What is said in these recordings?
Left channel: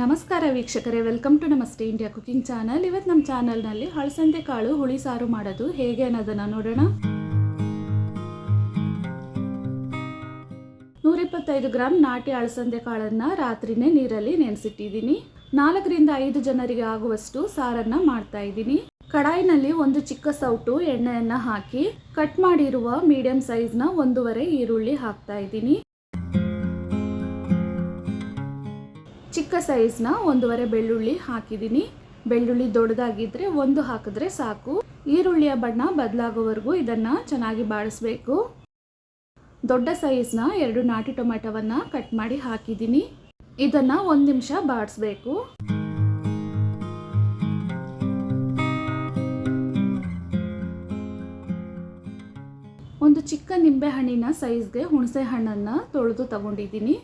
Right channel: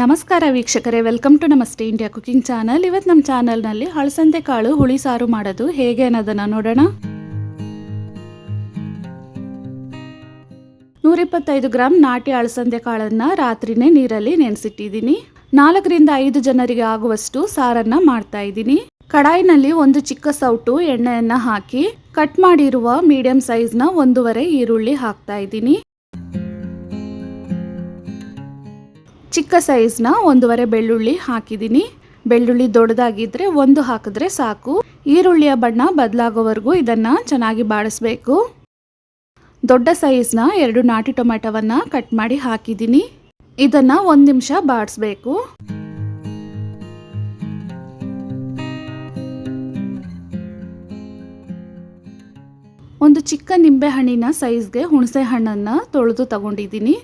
ನಮಸ್ಕಾರ ವೀಕ್ಷಕರೇ, welcome to ನಮಸ್ತೆ ಇಂಡಿಯಾ ಕುಕಿಂಗ್ ಚಾನಲ್. ಇವತ್ತು ನಮ್ಮ ಚಾನಲ್ನಲ್ಲಿ ಹಳಸಂದೆ ಕಾಳು ಹುಳಿ ಸಾರು ಮಾಡೋದು ಹೇಗೆ ಅನ್ನೋದನ್ನು ನೋಡೋಣ. 125 ಗ್ರಾಂ ನಾಟಿ ಹಳಸಂದೆ ಕಾಳನ್ನು ರಾತ್ರಿನೇ ನೀರಲ್ಲಿ ನೆನೆಸಿಟ್ಟಿದ್ದೀನಿ. 4 ರಿಂದ 5 ಜನರಿಗೆ ಆಗುವಷ್ಟು ಸಾರನ್ನು ಮಾಡ್ತಾ ಇದ್ದೀನಿ. ಕಡಾಯಿನಲ್ಲಿ ಒಂದು ಚಿಕ್ಕ ಸೌಟು ಎಣ್ಣೆಯನ್ನು ಹಾಕಿ ಕಟ್ ಮಾಡಿರುವ ಮೀಡಿಯಂ ಸೈಜ್ನ 1.5 ಈರುಳ್ಳಿ ಹಾಕ್ತಾ ಇದ್ದೀನಿ. ಚಿಕ್ಕ ಸೈಜ್ನ 1.5 ಬೆಳ್ಳುಳ್ಳಿ ಹಾಕಿದ್ದೀನಿ. ಬೆಳ್ಳುಳ್ಳಿ ದೊಡ್ಡದಾಗಿದ್ದರೆ 1 ಹಾಕಿದ್ರೆ ಸಾಕು. ಈರುಳ್ಳಿಯ ಬಣ್ಣ ಬದಲಾಗೋವರೆಗೂ ಇದನ್ನು ಚೆನ್ನಾಗಿ ಬಾಡಿಸ್ಬೇಕು. ದೊಡ್ಡ ಸೈಜ್ನ 2 ನಾಟಿ ಟೊಮೆಟೊವನ್ನು ಕಟ್ ಮಾಡಿ ಹಾಕಿದ್ದೀನಿ. ಇದನ್ನು 1 ನಿಮಿಷ ಬಾಡಿಸ್ಬೇಕು. ಒಂದು ಚಿಕ್ಕ ನಿಂಬೆ ಹಣ್ಣಿನ ಸೈಜ್ಗೆ ಹುಣಸೆ ಹಣ್ಣನ್ನು ತೊಳೆದು ತಗೊಂಡಿದ್ದೀನಿ.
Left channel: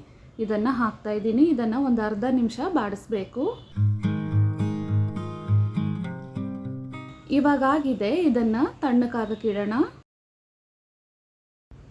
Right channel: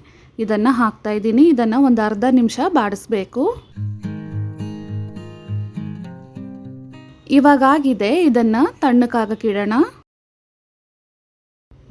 ಇದನ್ನು ಹಾಕ್ತಾ ಇದ್ದೀನಿ. ಇದನ್ನು ಒಂದು ಅರ್ಧ ನಿಮಿಷ ಬಾಡಿಸ್ಬೇಕು. ಇವಾಗಾಗಿದೆ, ಇದನ್ನು ತಣ್ಣಕ್ಕಾಗಕ್ಕಿಡೋಣ.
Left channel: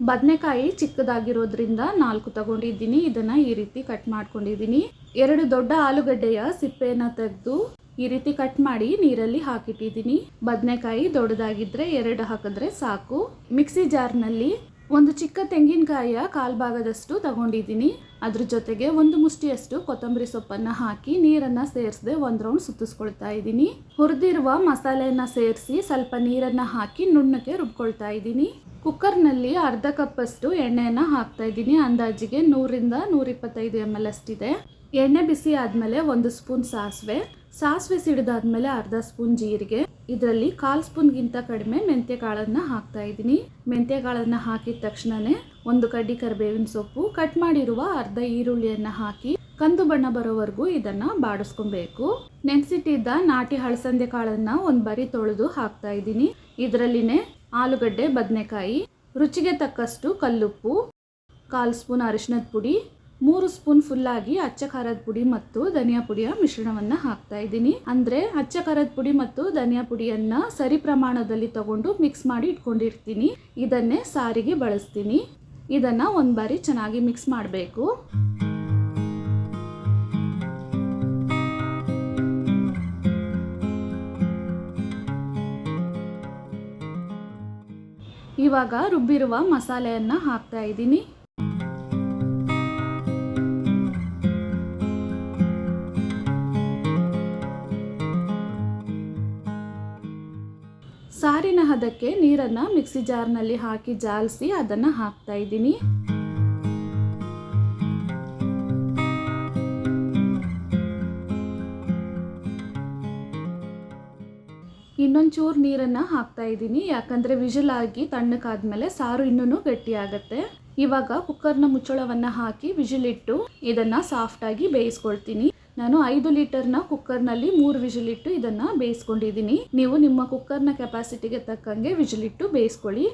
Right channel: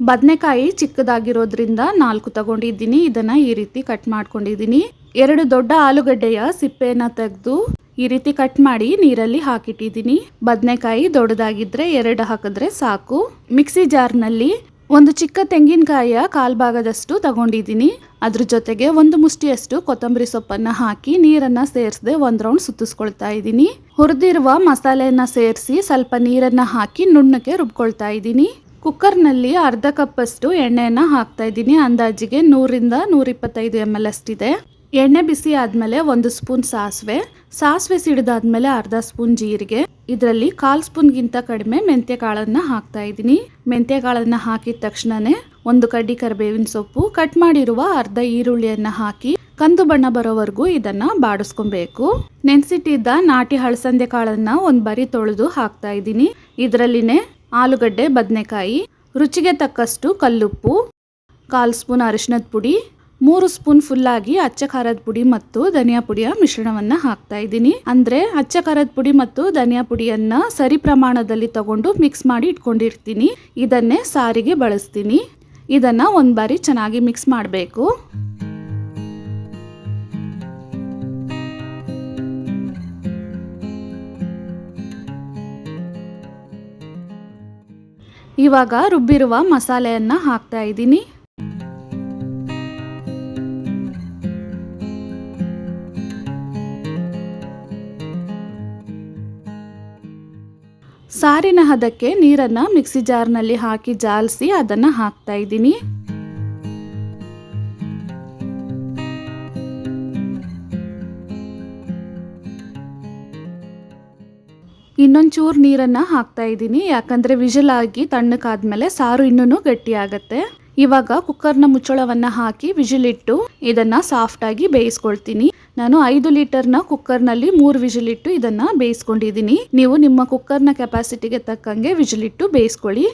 ಬದನೆಕಾಯಿ ಚಿಕ್ಕದಾಗಿರೋದ್ರಿಂದ 4 ತಗೊಂಡಿದ್ದೀನಿ. ಇದನ್ನು ಈ ರೀತಿ ಕಟ್ ಮಾಡ್ಕೊಂಡಿದ್ದೀನಿ. 2 ದೊಡ್ಡ ಆಲೂಗಡ್ಡೆಯ ಸಿಪ್ಪೆಯನ್ನು ತೆಗೆದು ಈ ರೀತಿ ಕಟ್ ಮಾಡಿ ನೀರಲ್ಲಿ ಹಾಕಿಟ್ಟಿದ್ದೀನಿ. ಬದನೆಕಾಯಿ ದೊಡ್ಡದಾಗಿದ್ದರೆ 2 ಹಾಕಿದ್ರೆ ಸಾಕು. ಮಿಕ್ಸಿ ಜಾರ್ನಲ್ಲಿ ಒಂದು ಚಿಕ್ಕ ತೆಂಗಿನಕಾಯಿಯ 1/4 ಭಾಗದಷ್ಟು ತಗೊಂಡಿದ್ದೀನಿ. ಅದ್ರ ಜೊತೆಗೆ 1 ಮುಷ್ಟಿಯಷ್ಟು ಕೊತ್ತಂಬರಿ ಸೊಪ್ಪನ್ನು ಹಾಕಿ ನೀರನ್ನು ಸೇರಿಸದೆ 1 ರೌಂಡ್ ಸುತ್ತಿಸ್ಕೊಳ್ತಾ ಇದ್ದೀನಿ. ಹುರಿದಿರುವ ಮಸಾಲೆಯನ್ನು ಸೇರಿಸಿ ಸ್ವಲ್ಪ ನೀರನ್ನು ಹಾಕಿ ನುಣ್ಣಕ್ಕೆ ರುಬ್ಕೊಳ್ತಾ ಇದ್ದೀನಿ. ಕುಕ್ಕರ್ನಲ್ಲಿ ಅರ್ಧ ಕಪ್ಪಷ್ಟು ಎಣ್ಣೆಯನ್ನು ಹಾಕ್ತಾ ಇದ್ದೀನಿ. ಅಂದಾಜಿಗೆ 100 ರಿಂದ 125 ml ಅಷ್ಟಿದೆ. ಎಣ್ಣೆ ಬಿಸಿ ಆದಮೇಲೆ 1 ಸ್ಪೂನ್ ಸಾಸಿವೆ ಸಿಡಿದಾದ್ಮೇಲೆ ಅರ್ಧ ಸ್ಪೂನ್ ಜೀರಿಗೆ, ಇದರಲ್ಲಿ 1/4 ಸ್ಪೂನ್ಗಿಂತ ಕಡಿಮೆ ಮೆಂತ್ಯ ಕಾಳನ್ನು ಹಾಕ್ತಾ ಇದ್ದೀನಿ. ಮೆಂತ್ಯ ಕಾಳನ್ನು ಹಾಕಿದ ತಕ್ಷಣನೇ 1 ಕಡ್ಡಿ ಕರಿಬೇವಿನ ಸೊಪ್ಪು, ಕಟ್ ಮಾಡಿರುವ ಅರ್ಧ ಈರುಳ್ಳಿಯನ್ನು ಹಾಕಿ ಕಂದು ಬಣ್ಣ ಬರೋವರೆಗೂ ಇದನ್ನು ಬಾಡಿಸ್ಕೊಬೇಕು. ನೆನೆಸಿಟ್ಟಿದ್ದ ನಾಟಿ ಹಳಸಂದೆ ಕಾಳನ್ನು 1 ಬಾರಿ ತೊಳೆದು ಹಾಕ್ತಾ ಇದ್ದೀನಿ. ಇದರಲ್ಲಿನೇ ಆಲೂಗಡ್ಡೆ, ಬದನೆಕಾಯಿ, ರುಚಿಗೆ ತಕ್ಕಷ್ಟು ಕಲ್ಲುಪ್ಪು, 1/4 ಸ್ಪೂನ್ ಅರಿಶಿಣದ ಪುಡಿ, 3 ಸ್ಪೂನ್ ಫುಲ್ಲಾಗಿ ಅಚ್ಚ ಖಾರದ ಪುಡಿ ಮತ್ತು ಧನಿಯಾ ಪುಡಿಯ ಮಿಶ್ರಣವನ್ನು ಹಾಕ್ತಾ ಇದ್ದೀನಿ. ಅಂದರೆ ಅಚ್ಚ ಖಾರದ ಪುಡಿ ಮತ್ತು ಧನಿಯಾ ಪುಡಿಯನ್ನು ಸರಿ ಪ್ರಮಾಣದಲ್ಲಿ ತಗೊಂಡು ಮಿಕ್ಸ್ ಮಾಡಿ ಇಟ್ಕೊಂಡಿರ್ತೀನಿ. ಇದನ್ನೇ ಸಾರಿಗೆ ಬಳಸ್ತೀನಿ. ಇದನ್ನು 1 ಬಾರಿ ಚೆನ್ನಾಗಿ ಮಿಕ್ಸ್ ಮಾಡಬೇಕು. ಇವಾಗ ರುಬ್ಬಿರುವ ಮಸಾಲೆಯನ್ನು ಹಾಕ್ತಾ ಇದ್ದೀನಿ. ಸಾರಿನ ಹದಕ್ಕೆ ನೀರನ್ನು ಮಿಕ್ಸಿ ಜಾರ್ನಲ್ಲಿ ಹಾಕಿ ಜಾಲಿಸಿ ಅದನ್ನು ಹಾಕ್ತಾ ಇದ್ದೀನಿ. ಇನ್ನೊಂಚೂರು ನೀರನ್ನು ಹಾಕ್ತಾ ಇದ್ದೀನಿ. ಯಾಕಂದರೆ ವಿಜಿಲ್ ಆಗಿ ತಣ್ಣಕ್ಕಾದ್ಮೇಲೆ ಸಾರು ಇನ್ನೂ ಗಟ್ಟಿಯಾಗತ್ತೆ. ಇವಾಗ ಕುಕ್ಕರ್ನ ಮುಚ್ಚಳವನ್ನು ಹಾಕಿ ವಿಜಿಲಿಟ್ಟು ಇದನ್ನು ಸಾಫ್ಟಾಗಿ ಬೇಯಿಸ್ಕೊಳ್ತೀನಿ. ನಾನು 5 ಲೀಟರ್ನ ಕುಕ್ಕರ್ನಲ್ಲಿ 3 ವಿಜಿಲಿಟ್ಟು ಇದನ್ನು ಬೇಯಿಸ್ಕೊಂಡಿದ್ದೀನಿ. ನೀವು ನಿಮ್ಮ ಕುಕ್ಕರ್ನ ಕೆಪಾಸಿಟಿಗೆ ತಕ್ಕಂಗೆ ವಿಜಿಲಿಟ್ಟು ಬೇಯಿಸ್ಕೊಳ್ಳಿ.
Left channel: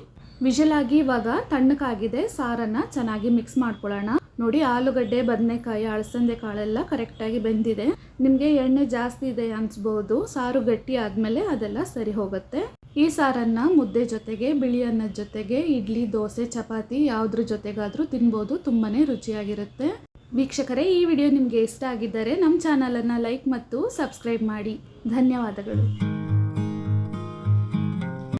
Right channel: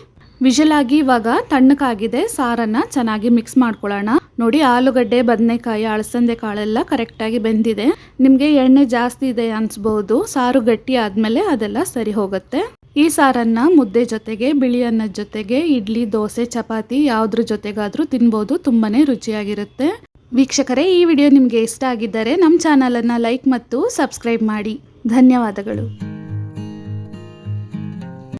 ವಿಜಿಲಾಗಿ ಇವಾಗ ತಣ್ಣಕ್ಕಾಗಿದೆ. ಸಾರನ್ನು ಚೆನ್ನಾಗಿ ಮಿಕ್ಸ್ ಮಾಡ್ಕೊಳ್ಳೋಣ. ನೋಡಿ, ಆಲೂಗಡ್ಡೆ, ಬದನೆಕಾಯಿ, ಅಳಸಂದೆ ಕಾಳೆಲ್ಲ ಕರೆಕ್ಟಾಗಿ ಬೆಂದಿದೆ. ನಿಮಗೆ ಎಣ್ಣೆ ಜಾಸ್ತಿ ಇದೆ ಅನಿಸ್ಬೋದು. ಸಾರು ಗಟ್ಟಿ ಆದಮೇಲೆ ಅದೆಲ್ಲ ಸರಿ ಹೋಗುತ್ತೆ. ಈ ಸಾರನ್ನು ಮುದ್ದೆ ಜೊತೆಗೆ, ಬಿಳಿ ಅನ್ನದ ಜೊತೆಗೆ, ಇಡ್ಲಿ, ದೋಸೆ, ಚಪಾತಿ ಯಾವುದ್ರ ಜೊತೆಗಾದರೂ ತಿನ್ಬೋದು. ತುಂಬಾ ರುಚಿಯಾಗಿರುತ್ತೆ. ವೀಕ್ಷಕರೇ, ಈ ವಿಡಿಯೋ ನಿಮಗೆ ಇಷ್ಟ ಆಗಿದ್ದರೆ ನಮ್ಮ ಚಾನಲನ್ನು ಲೈಕ್ ಮತ್ತು ಸಬ್ಸ್ಕ್ರೈಬ್ ಮಾಡಿ. ಧನ್ಯವಾದಗಳು.